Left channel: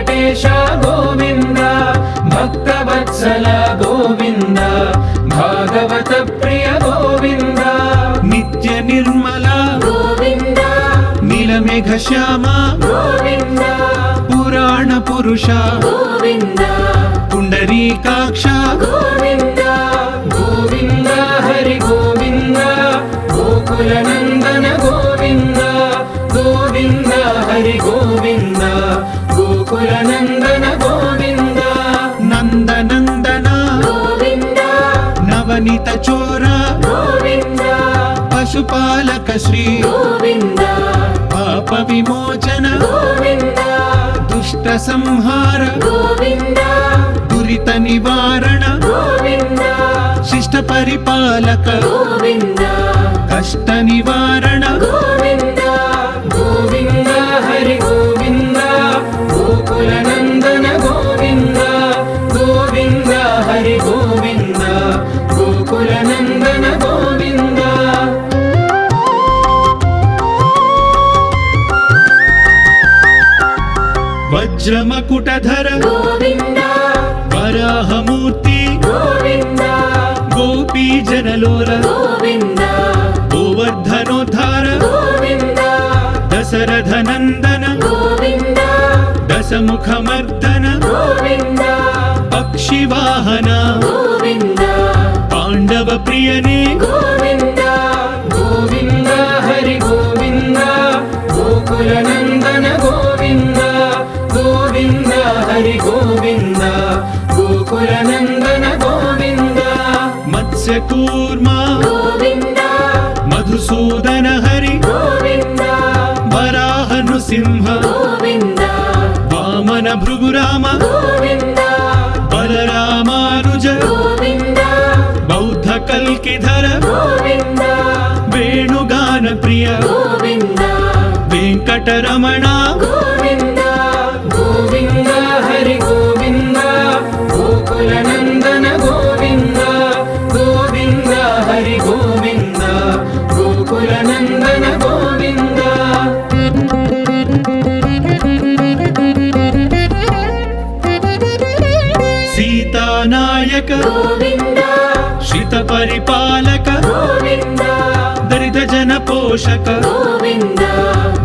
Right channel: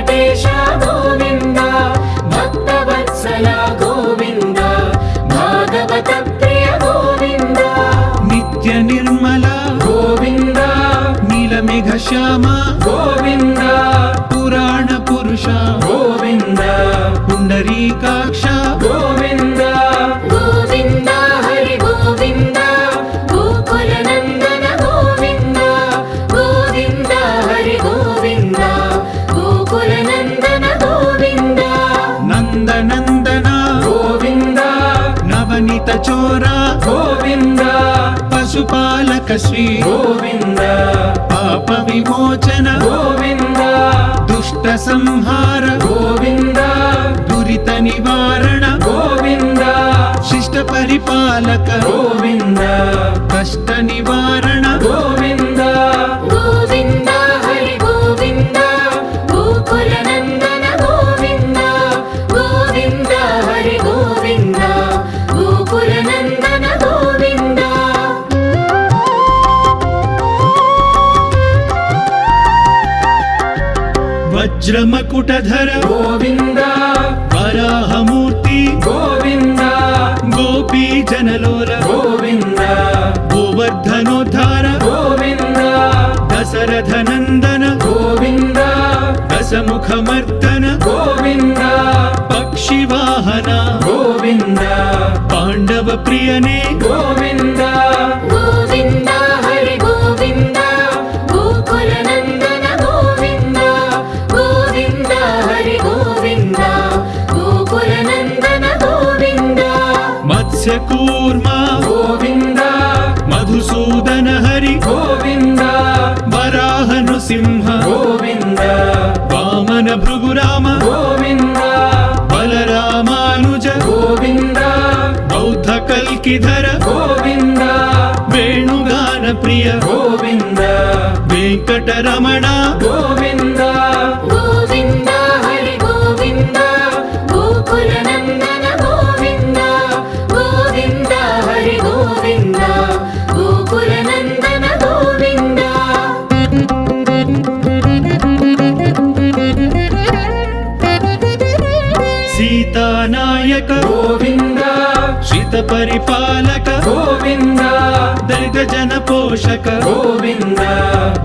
వెంకటేశ గోవింద భక్తవత్సల గోవింద భాగవత ప్రియ గోవింద నిత్య నిర్మల గోవింద నీలమేఘ శ్యామ గోవింద పురాణ పురుష గోవింద పుండరీకాక్ష గోవింద గోవింద హరి గోవింద గోకుల నందన గోవింద గోవింద హరి గోవింద గోకుల నందన గోవింద నందనందన గోవింద నవనీత చోర గోవింద పశుపాలక శ్రీ గోవింద పాప విమోచన గోవింద దుష్ట సంహార గోవింద దురిత నివారణ గోవింద శిష్ట పరిపాలక గోవింద కష్ట నివారణ గోవింద గోవింద హరి గోవింద గోకుల నందన గోవింద గోవింద హరి గోవింద గోకుల నందన గోవింద వజ్రమకుటధర గోవింద వరాహమూర్తి గోవింద గోపీ జనలోల గోవింద గోవర్ధనోద్ధార గోవింద దశరథ నందన గోవింద దశముఖమర్దన గోవింద పక్షివాహన గోవింద పాండవ ప్రియనే గోవింద గోవింద హరి గోవింద గోకుల నందన గోవింద గోవింద హరి గోవింద గోకుల నందన గోవింద మత్స్యకూర్మ గోవింద మధుసూదన హరి గోవింద వరాహ నృసింహ గోవింద వామన భృగురామ గోవింద బలరామానుజ గోవింద బౌద్ధ కల్కిధర గోవింద వేణుగాన ప్రియ గోవింద వెంకటరమణ గోవింద గోవింద హరి గోవింద గోకుల నందన గోవింద గోవింద హరి గోవింద గోకుల నందన గోవింద సీతానాయక గోవింద శ్రిత పరిపాలక గోవింద దళిత జన పోషక గోవింద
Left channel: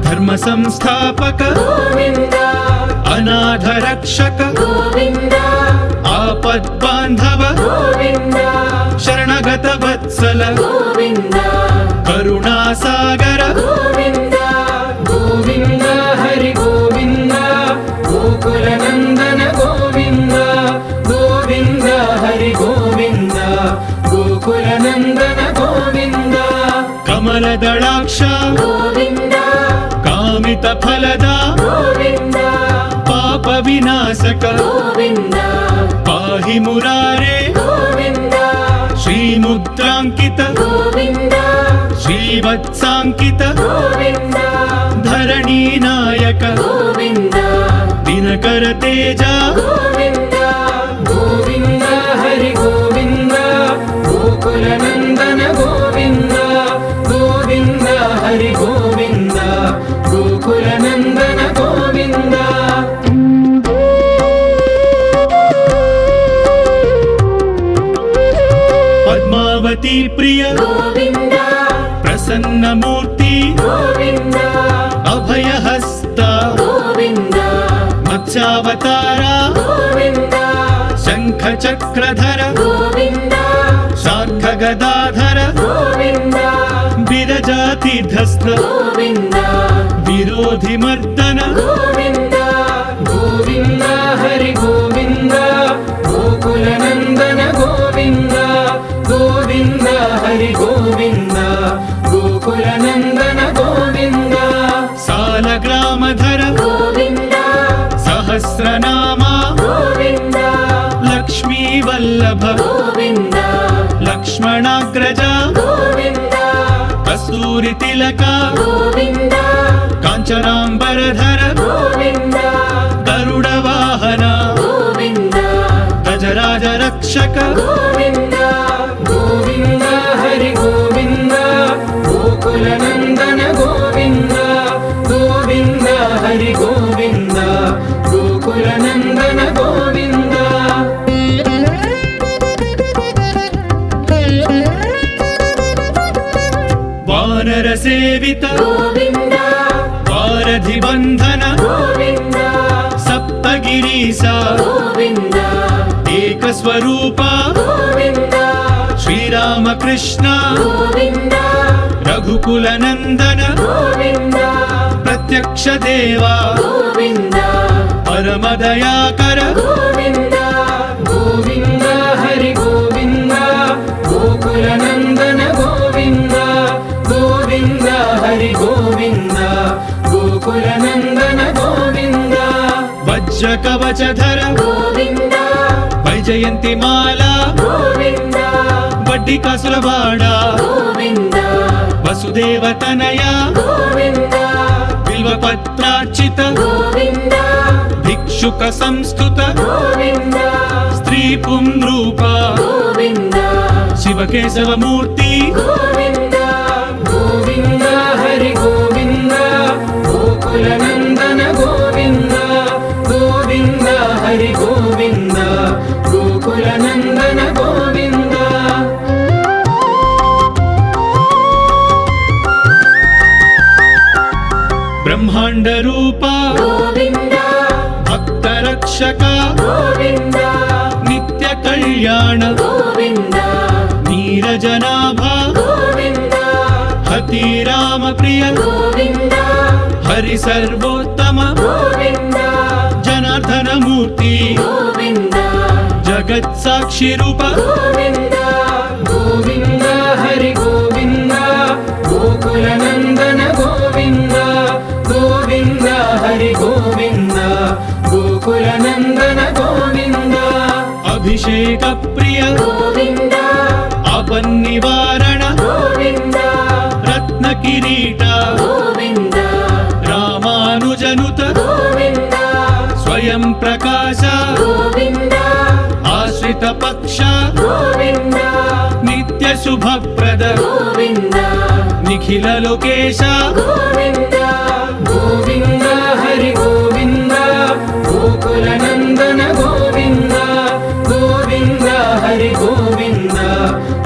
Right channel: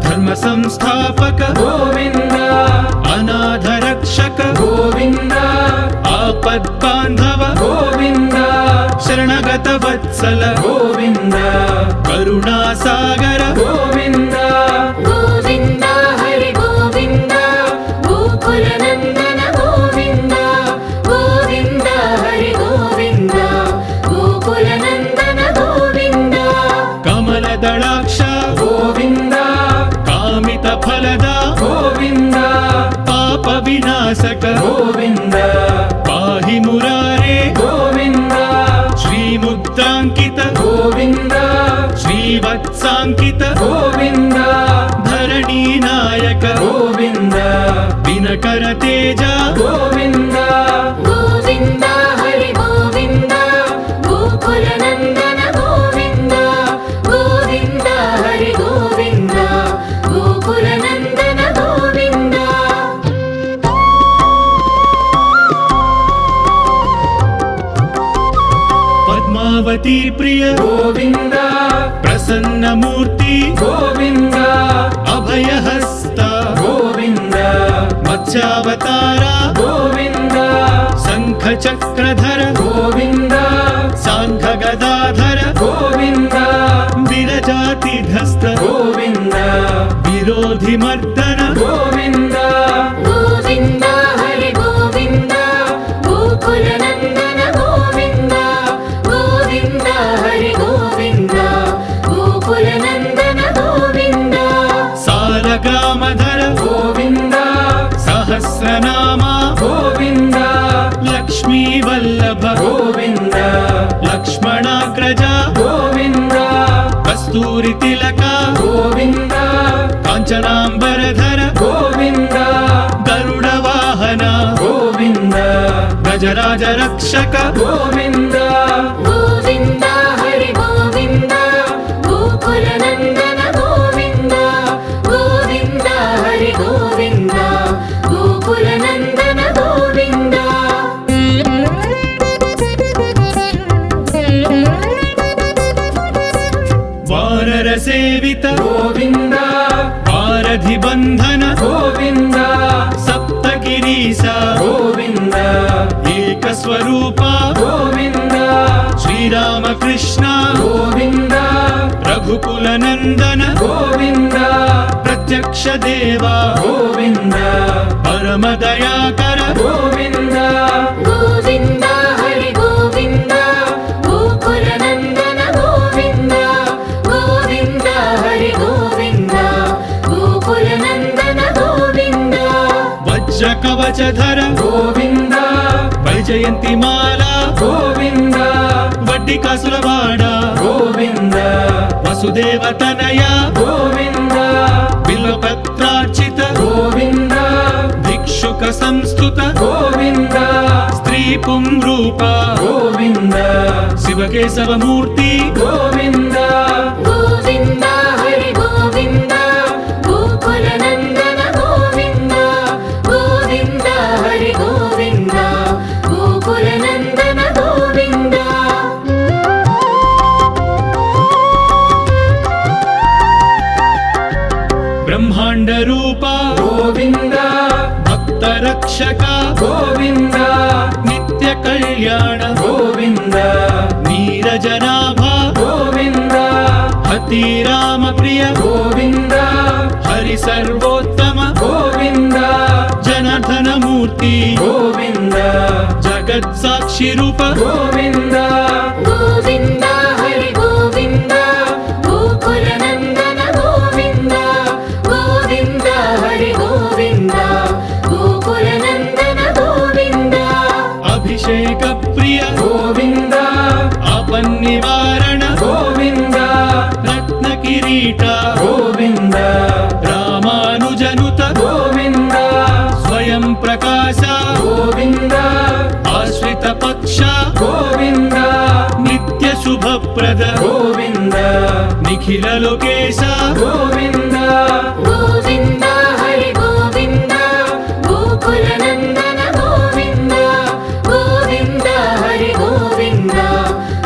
ధర్మ సంస్థాపక గోవింద అనాథ రక్షక గోవింద ఆపద్బాంధవ గోవింద శరణగత వత్సల గోవింద కరుణాసాగర గోవింద గోవింద హరి గోవింద గోకుల నందన గోవింద గోవింద హరి గోవింద గోకుల నందన గోవింద కమలదళాక్ష గోవింద కామిత ఫలద గోవింద పాప వినాశక గోవింద పాహి మురారే గోవింద శ్రీముద్రాంకిత గోవింద శ్రీవత్సాంకిత గోవింద ధరణీ నాయక గోవింద దినకర తేజ గోవింద గోవింద హరి గోవింద గోకుల నందన గోవింద గోవింద హరి గోవింద గోకుల నందన గోవింద పద్మావతి ప్రియ గోవింద ప్రసన్నమూర్తి గోవింద అభయహస్త గోవింద మత్స్యావతార గోవింద శంఖ చక్రధర గోవింద శాంఖ గదాధర గోవింద విరజాతిధస్థ గోవింద విరోధి మర్దన గోవింద గోవింద హరి గోవింద గోకుల నందన గోవింద గోవింద హరి గోవింద గోకుల నందన గోవింద సాలగ్రామధర గోవింద సహస్రనామ గోవింద లక్ష్మీ వల్లభ గోవింద లక్ష్మణాగ్రజ గోవింద కస్తూరి తిలక గోవింద కాంచనాంబరధర గోవింద గరుడ వాహన గోవింద గజరాజ రక్షక గోవింద గోవింద హరి గోవింద గోకుల నందన గోవింద గోవింద హరి గోవింద గోకుల గోవింద వానర సేవిత గోవింద వారధి బంధన గోవింద సప్తగిరీశ గోవింద ఏక స్వరూప గోవింద శ్రీరామకృష్ణ గోవింద రఘుకుల నందన గోవింద ప్రత్యక్ష దేవా గోవింద పరమ దయాకర గోవింద గోవింద హరి గోవింద గోకుల నందన గోవింద గోవింద హరి గోవింద గోకుల నందన గోవింద వజ్ర కవచధర గోవింద వైజయంతి మాల గోవింద వడ్డీ కాసుల వాడ గోవింద వసుదేవ తనయ గోవింద బిల్వపత్రార్చిత గోవింద భిక్షుక సంస్థుత గోవింద స్త్రీ పుంరూప గోవింద శివకేశవమూర్తి గోవింద గోవింద హరి గోవింద గోకుల నందన గోవింద గోవింద హరి గోవింద గోకుల నందన గోవింద బ్రహ్మాండ రూప గోవింద భక్త రక్షక గోవింద నిత్య కళ్యాణ గోవింద నీరజనాభ గోవింద హతి రామ ప్రియ గోవింద హరి సర్వోత్తమ గోవింద జనార్దన మూర్తి గోవింద జగత్ సాక్షి రూప గోవింద గోవింద హరి గోవింద గోకుల నందన గోవింద గోవింద హరి గోవింద గోకుల నందన గోవింద అభిషేక ప్రియ గోవింద ఆపన్నివారణ గోవింద రత్న కిరీట గోవింద రామానుజనుత గోవింద స్వయం ప్రకాశ గోవింద ఆశ్రిత పక్ష గోవింద నిత్య శుభప్రద గోవింద నిఖిల లోకేశ గోవింద గోవింద హరి గోవింద గోకుల నందన గోవింద గోవింద హరి గోవింద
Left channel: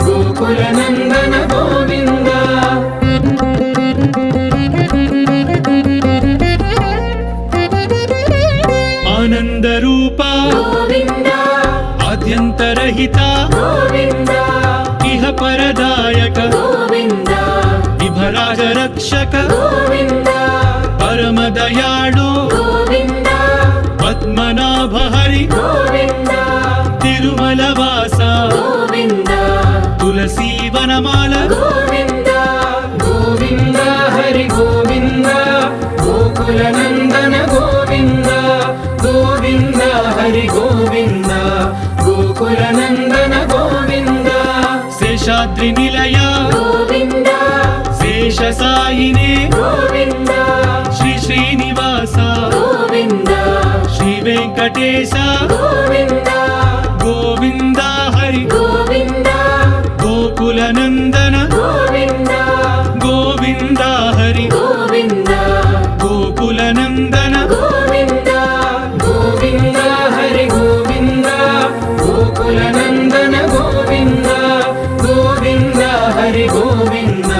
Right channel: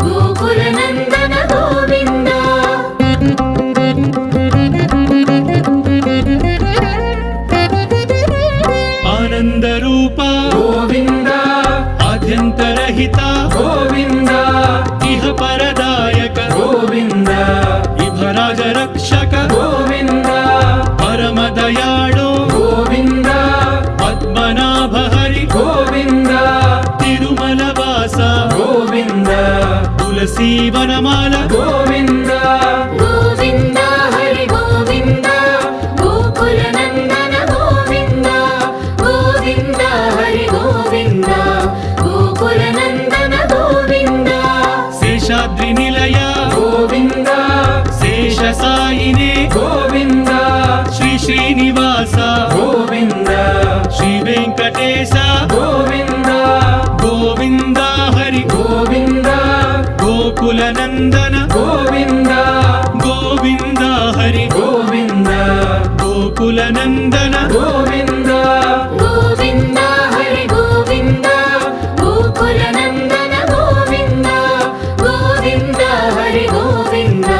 గోకుల నందన గోవింద ఆనంద రూప గోవింద ఆద్యంతరహిత గోవింద ఇహ పరదాయక గోవింద విభరాజ రక్షక గోవింద పరమ దయాళు గోవింద పద్మనాభ హరి గోవింద తిరుమల వాస గోవింద తులసీ వనమాల గోవింద గోవింద హరి గోవింద గోకుల నందన గోవింద గోవింద హరి గోవింద గోకుల నందన గోవింద శేషాద్రి నిలయ గోవింద శేష సాయినే గోవింద శ్రీ శ్రీనివాస గోవింద శ్రీ వెంకటేశ గోవింద గోవింద హరి గోవింద గోకుల నందన గోవింద గోవింద హరి గోవింద గోకుల నందన గోవింద గోవింద హరి గోవింద గోకుల నందన గోవింద గోవింద హరి గోవింద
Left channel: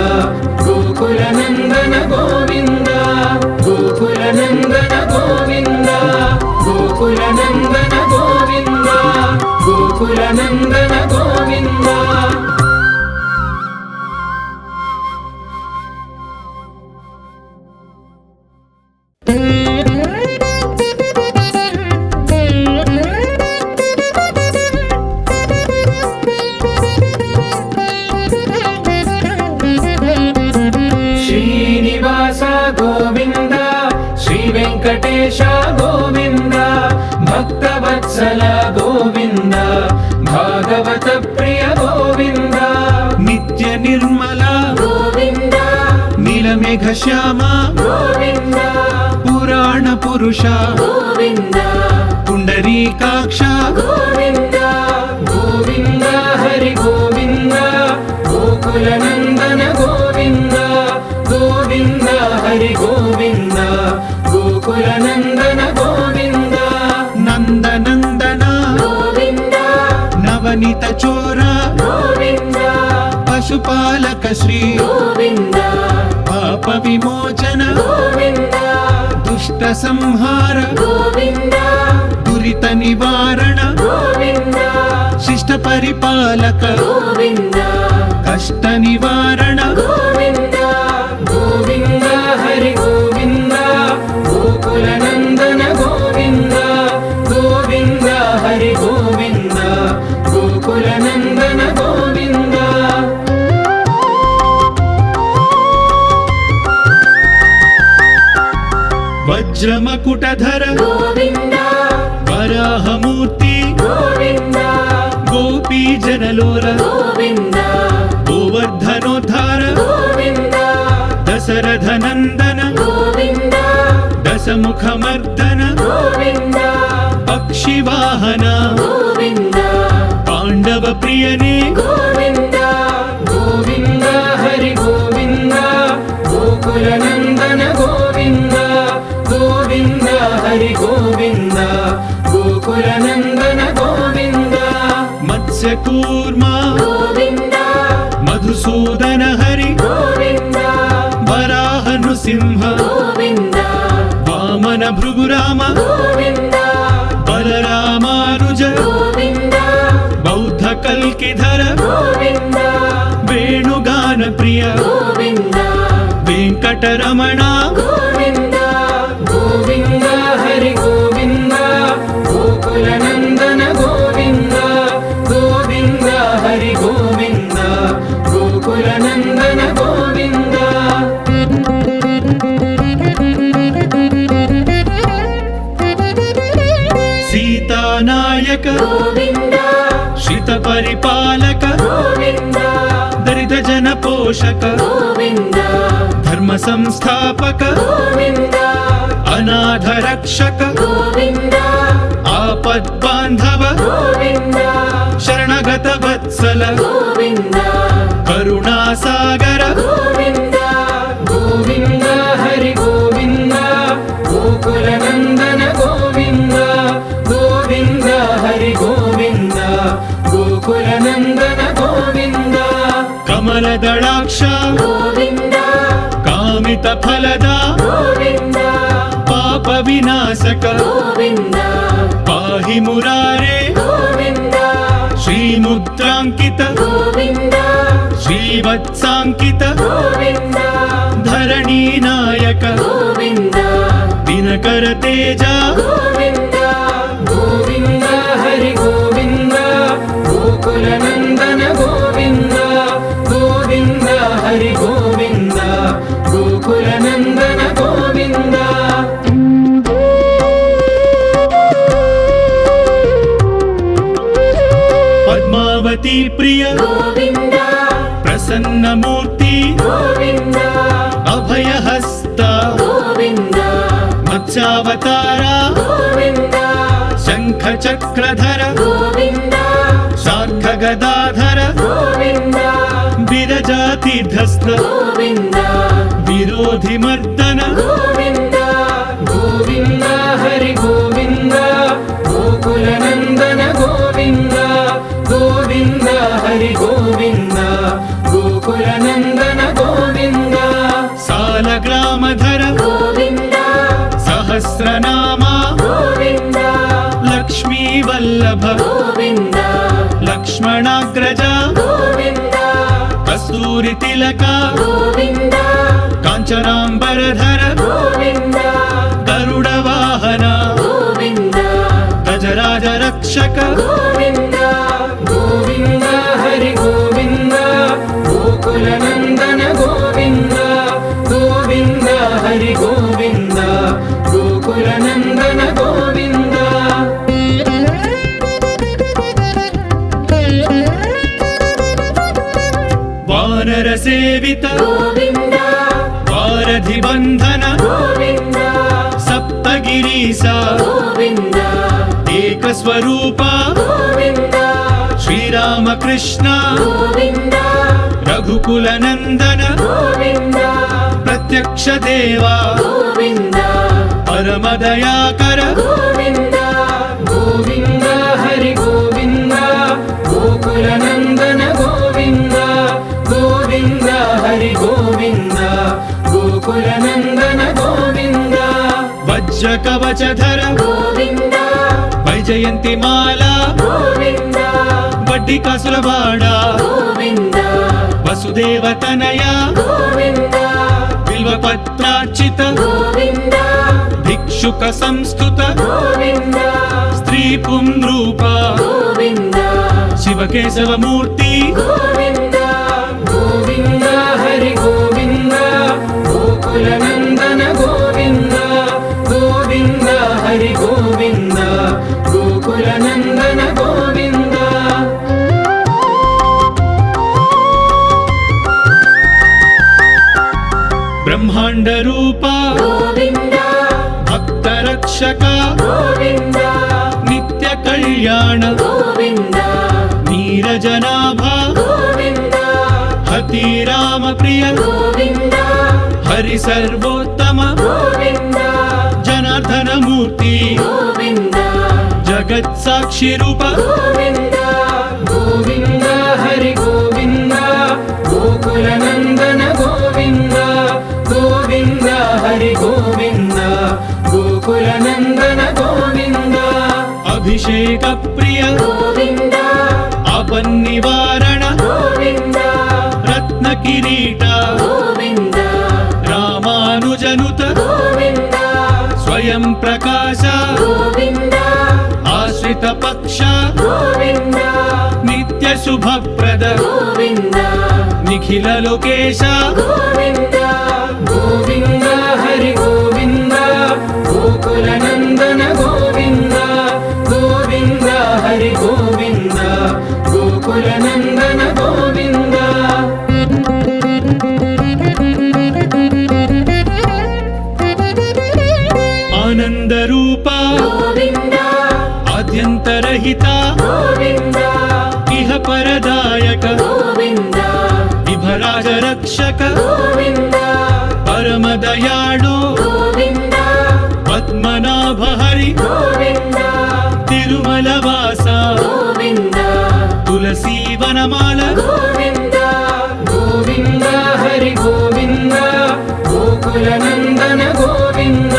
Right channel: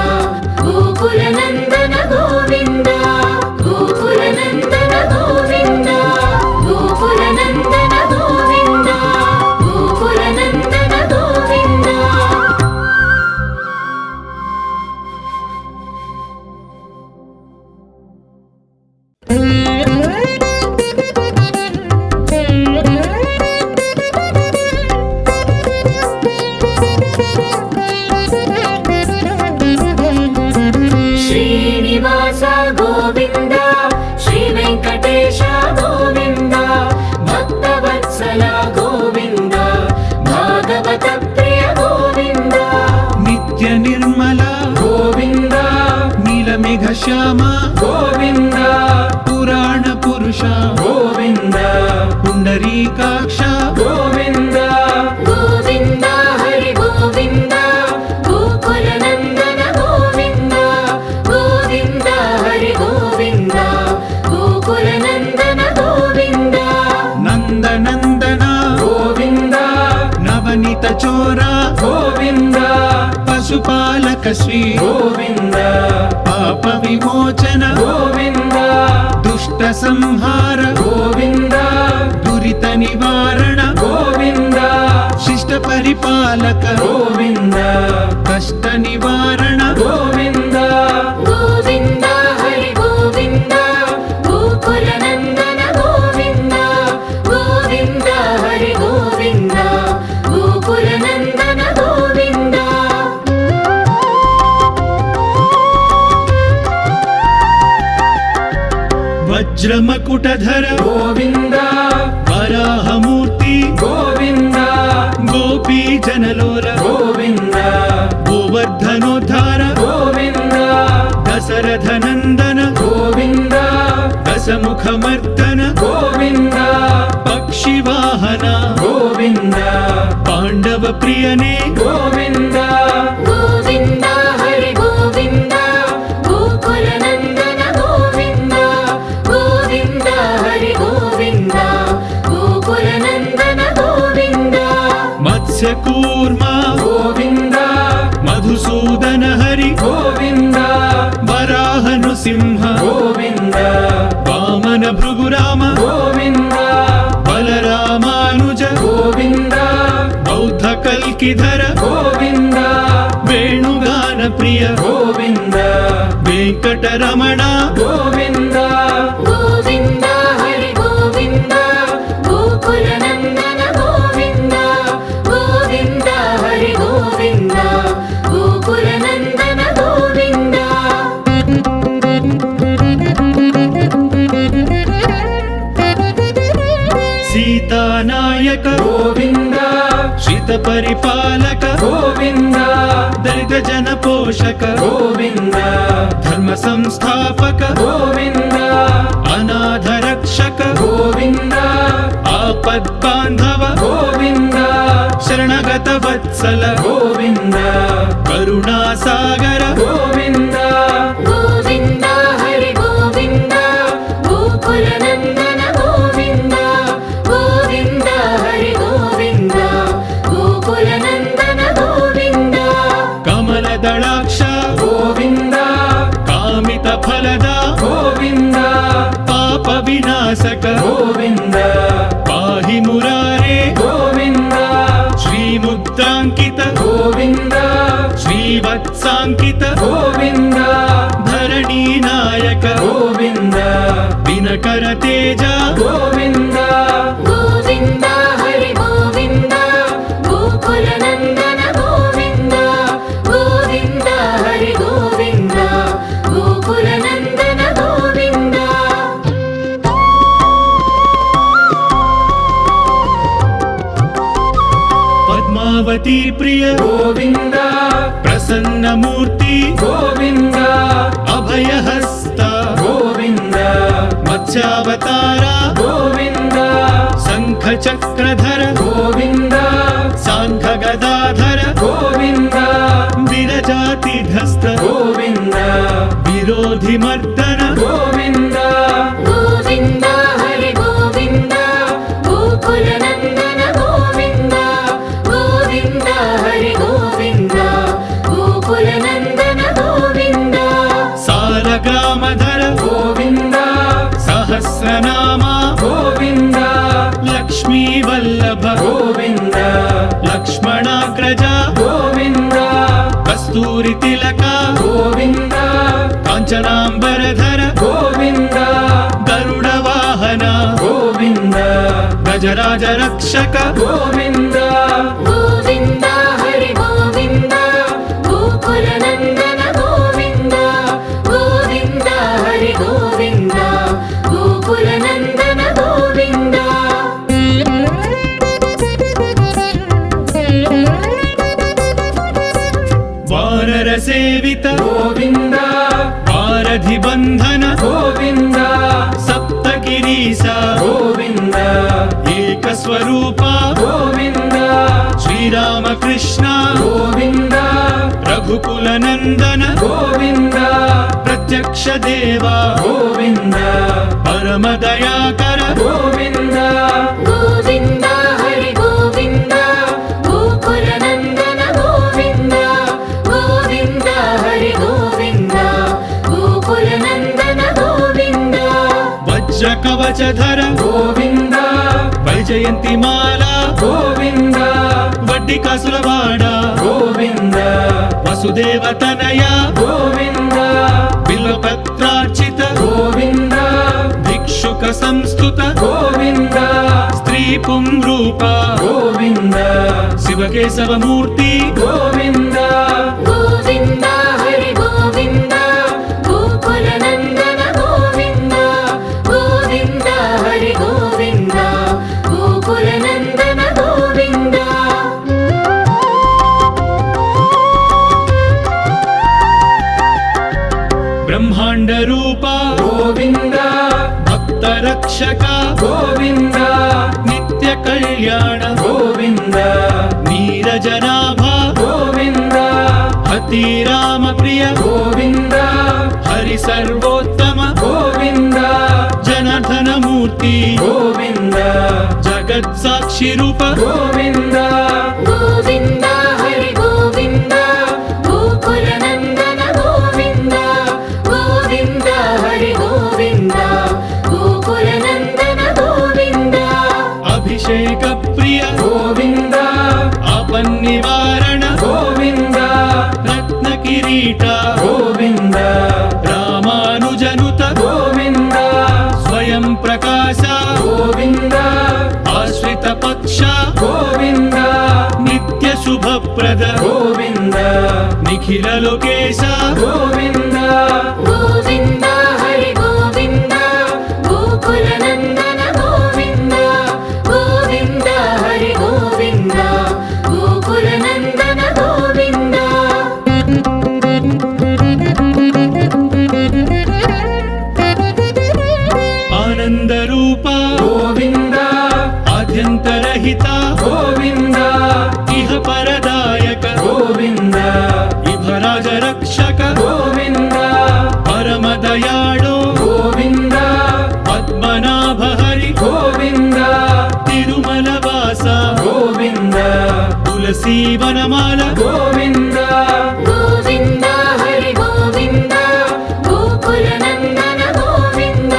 గోకుల నందన గోవింద గోకుల నందన గోవింద గోకుల నందన గోవింద గోకుల నందన గోవింద శ్రీనివాస గోవింద శ్రీ వెంకటేశ గోవింద భక్తవత్సల గోవింద భాగవత ప్రియ గోవింద నిత్య నిర్మల గోవింద నీలమేఘ శ్యామ గోవింద పురాణ పురుష గోవింద పుండరీకాక్ష గోవింద గోవింద హరి గోవింద గోకుల నందన గోవింద గోవింద హరి గోవింద గోకుల నందన గోవింద నందనందన శ్రీ గోవింద పాప విమోచన గోవింద దుష్ట సంహార గోవింద దురిత నివారణ గోవింద శిష్ట పరిపాలక గోవింద కష్ట నివారణ గోవింద గోవింద హరి గోవింద గోకుల నందన గోవింద గోవింద హరి గోవింద గోకుల నందన గోవింద వజ్రమకుటధర గోవింద వరాహమూర్తి గోవింద గోపీ జనలోల గోవింద గోవర్ధనోద్ధార గోవింద దశరథ నందన గోవింద దశముఖమర్దన గోవింద పక్షివాహన గోవింద పాండవ ప్రియనే గోవింద గోవింద హరి గోవింద గోకుల నందన గోవింద గోవింద హరి గోవింద గోకుల నందన గోవింద మత్స్యకూర్మ గోవింద మధుసూదన హరి గోవింద వరాహ నృసింహ గోవింద వామన భృగురామ గోవింద బలరామానుజ గోవింద బౌద్ధ కల్కిధర గోవింద వేణుగాన ప్రియ గోవింద వెంకటరమణ గోవింద గోవింద హరి గోవింద గోకుల నందన గోవింద గోవింద హరి గోవింద గోకుల నందన గోవింద సీతానాయక గోవింద శ్రిత పరిపాలక గోవింద దరిద్ర జన పోషక గోవింద ధర్మ సంస్థాపక గోవింద అనాథ రక్షక గోవింద ఆపద్ బాంధవ గోవింద శరణగత వత్సల గోవింద కరుణాసాగర గోవింద గోవింద హరి గోవింద గోకుల నందన గోవింద గోవింద హరి గోవింద గోకుల నందన గోవింద కమలదళాక్ష గోవింద కామిత ఫలద గోవింద పాప వినాశక గోవింద పాహి మురారే గోవింద శ్రీముద్రాంకిత గోవింద శ్రీవత్సాంకిత గోవింద ధరణీ నాయక గోవింద దినకర తేజ గోవింద గోవింద హరి గోవింద గోకుల నందన గోవింద గోవింద హరి గోవింద గోకుల నందన గోవింద పద్మావతి ప్రియ గోవింద ప్రసన్నమూర్తి గోవింద అభయహస్త గోవింద మత్స్యావతార గోవింద శంఖ చక్రధర గోవింద శాంఖ గదాధర గోవింద విరజాతిధస్థ గోవింద విరోధి మర్దన గోవింద గోవింద హరి గోవింద గోకుల నందన గోవింద గోవింద హరి గోవింద గోకుల నందన గోవింద సాలగ్రామధర గోవింద సహస్రనామ గోవింద లక్ష్మీ వల్లభ గోవింద లక్ష్మణాగ్రజ గోవింద కస్తూరి తిలక గోవింద కాంచనాంబరధర గోవింద గరుడ వాహన గోవింద గజరాజ రక్షక గోవింద గోవింద హరి గోవింద గోకుల నందన గోవింద గోవింద హరి గోవింద గోకుల నందన గోవింద వానర సేవిత గోవింద వారధి బంధన గోవింద సప్తగిరీశ గోవింద ఏక స్వరూప గోవింద శ్రీరామకృష్ణ గోవింద రఘుకుల నందన గోవింద ప్రత్యక్ష దేవా గోవింద పరమ దయాకర గోవింద గోవింద హరి గోవింద గోకుల నందన గోవింద గోవింద కవచధర గోవింద వైజయంతి మాల గోవింద వడ్డీ కాసులవాడ గోవింద వసుదేవ తనయ గోవింద బిల్వపత్రార్చిత గోవింద భిక్షుక సంస్థుత గోవింద స్త్రీ పుంరూప గోవింద శివకేశవమూర్తి గోవింద గోవింద హరి గోవింద గోకుల నందన గోవింద గోవింద హరి గోవింద గోకుల నందన గోవింద బ్రహ్మాండ రూప గోవింద భక్త రక్షక గోవింద నిత్య కళ్యాణ గోవింద నీరజనాభ గోవింద హతి రామ ప్రియ గోవింద హరి సర్వోత్తమ గోవింద జనార్దన మూర్తి గోవింద జగత్ సాక్షి రూప గోవింద గోవింద హరి గోవింద గోకుల నందన గోవింద గోవింద హరి గోవింద గోకుల నందన గోవింద అభిషేక ప్రియ గోవింద ఆపన్నివారణ గోవింద రత్న కిరీట గోవింద రామానుజనుత గోవింద స్వయం ప్రకాశ గోవింద ఆశ్రిత పక్ష గోవింద నిత్య శుభప్రద గోవింద నిఖిల లోకేశ గోవింద గోవింద హరి గోవింద గోకుల నందన గోవింద గోవింద హరి గోవింద గోకుల నందన గోవింద ఆనంద రూప గోవింద ఆద్యంతరహిత గోవింద ఇహ పరదాయక గోవింద విభరాజ రక్షక గోవింద పరమ దయాళు గోవింద పద్మనాభ హరి గోవింద తిరుమల వాస గోవింద తులసీ వనమాల గోవింద గోవింద హరి గోవింద గోకుల నందన గోవింద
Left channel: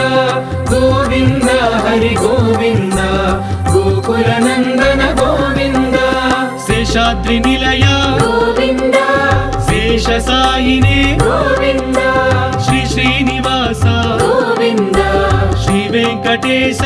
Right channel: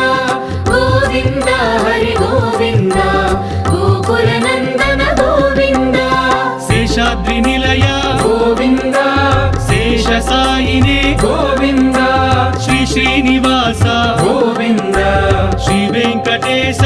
గోవింద హరి గోవింద గోకుల నందన గోవింద శేషాద్రి నిలయ గోవింద శేష సాయినే గోవింద శ్రీ శ్రీనివాస గోవింద శ్రీ వెంకటేశ